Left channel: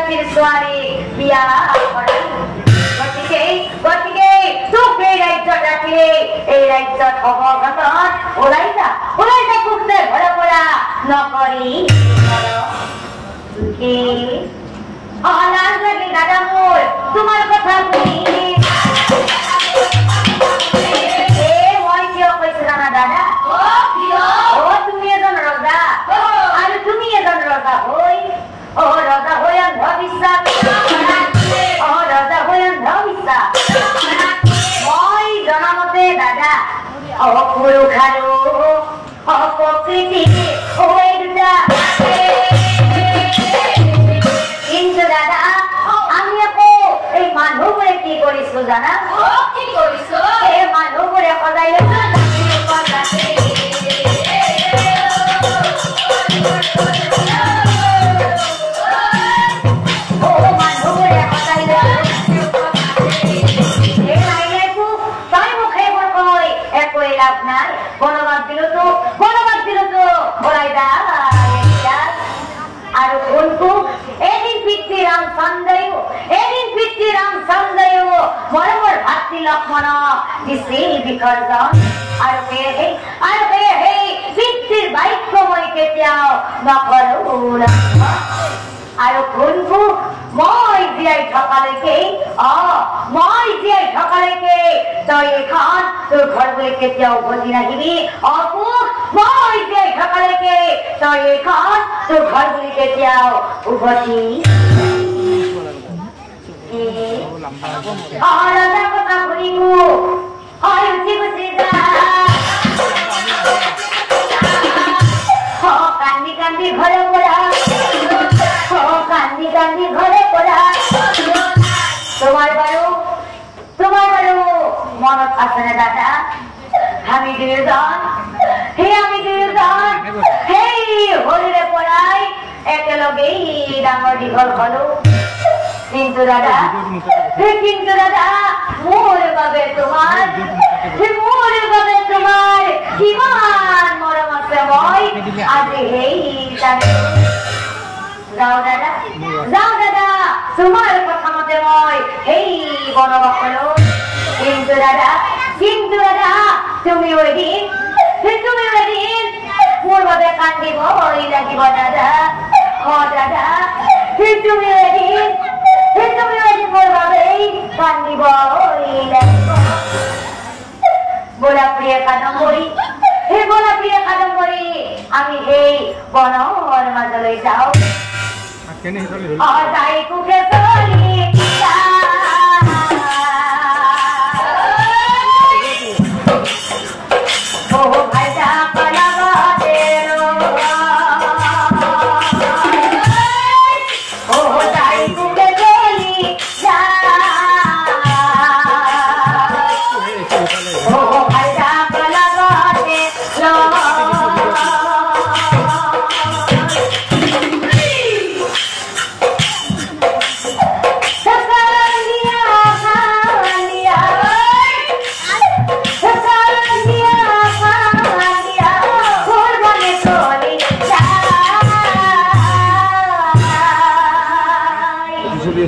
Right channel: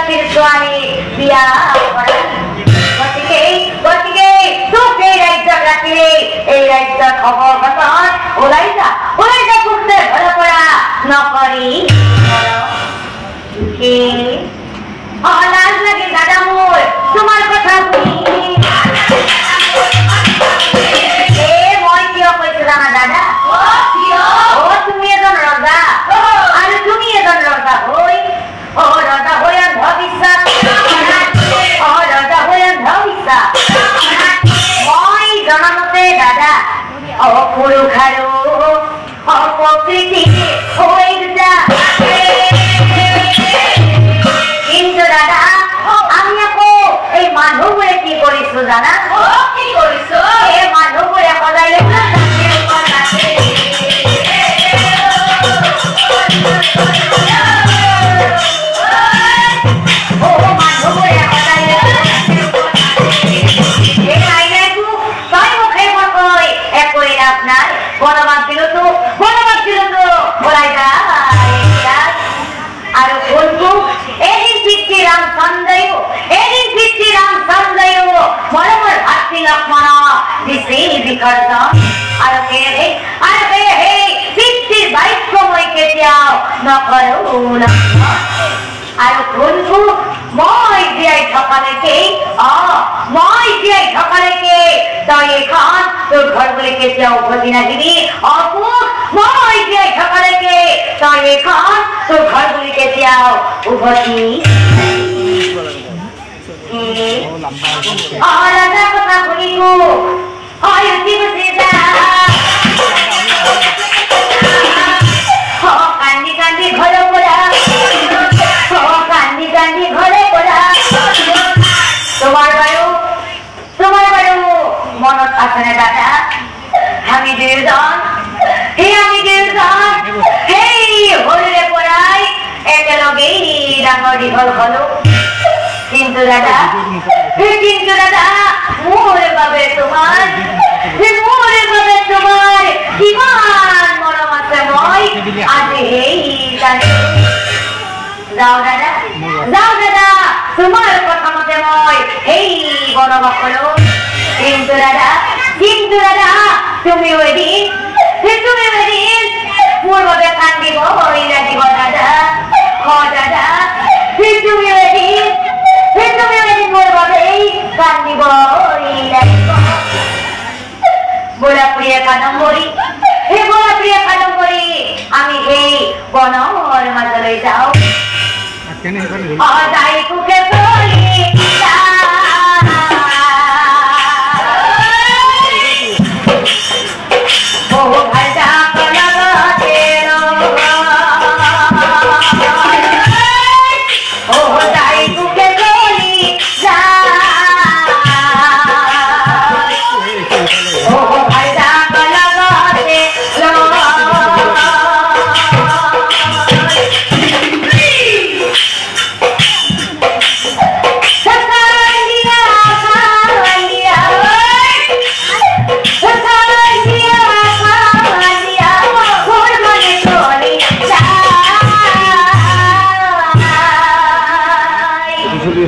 জাতিৰ ছোৱালী বিয়া কৰালি গতিকে তোক এই ৰাজ্যত ৰাখিলে এই ৰাজ্যত হ'ব পাছত ওলাই যা কুৰ্তে ঘৰ পৰা নকৰি লাজ লাগে দাদা মোৰ তোমাৰ কথা শুনি মই কিয় কৈছো জানা দাদা তুমি এজন ৰজা আৰু তুমি এজন ৰজা হৈ ৰজা হৈ অন্ধবিশ্বাস মই জনামতে দাদা অপুৰুষ আৰু অপ্ৰকৃতি হৈ দুটা কিন্তু দাদা আমি আকৌ এই মানুহবোৰে কি কৰিছো জানা কি কৰিছো এই মানুহবোৰে সদায় বনবাদ দিল তো বলাই আর কোনটো এদিন পিতৃ রামচন্দ্র মরমর ভাতৃ লক্ষ্মণ দিছে বিকর্জন আর পিতৃর বাক্য মই কেতিয়াও নকৰো আৰু কোনটো মই জীয়াই থকালৈকে তই এখন তোৰ ঘৰ বুলি কেতিয়াও উভতি নাহিবি অপু মই জীয়াই থকালৈকে তই এখন তোৰ ঘৰ বুলি কেতিয়াও উভতি ৰাজা কথা শুনিবো কান্দি কান্দি ঘৰৰ পৰা তোমাৰ বায়ু মনত আছে না দাদা আমি দুজন সেই হৰিৰে পৰাই একেলগেই ডাঙৰ দীঘল হলো কিন্তু দাদা মোৰ বাবে তোমাৰ কিমান মৰম আছে মই আজি সেই যাও দাদা তোমাৰ কথা মতে মই এই বনবাস হলো কিন্তু দাদা তুমি এদিন মোৰ বাবে কান্দিব লাগিব দাদা দাদা তুমি এদিন মোৰ বাবে কান্দিব লাগিব বলা প্ৰিয় কাদম্বৰী আমি সেই বনৰ মাজলৈ যাওঁ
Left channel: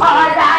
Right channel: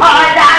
Oh,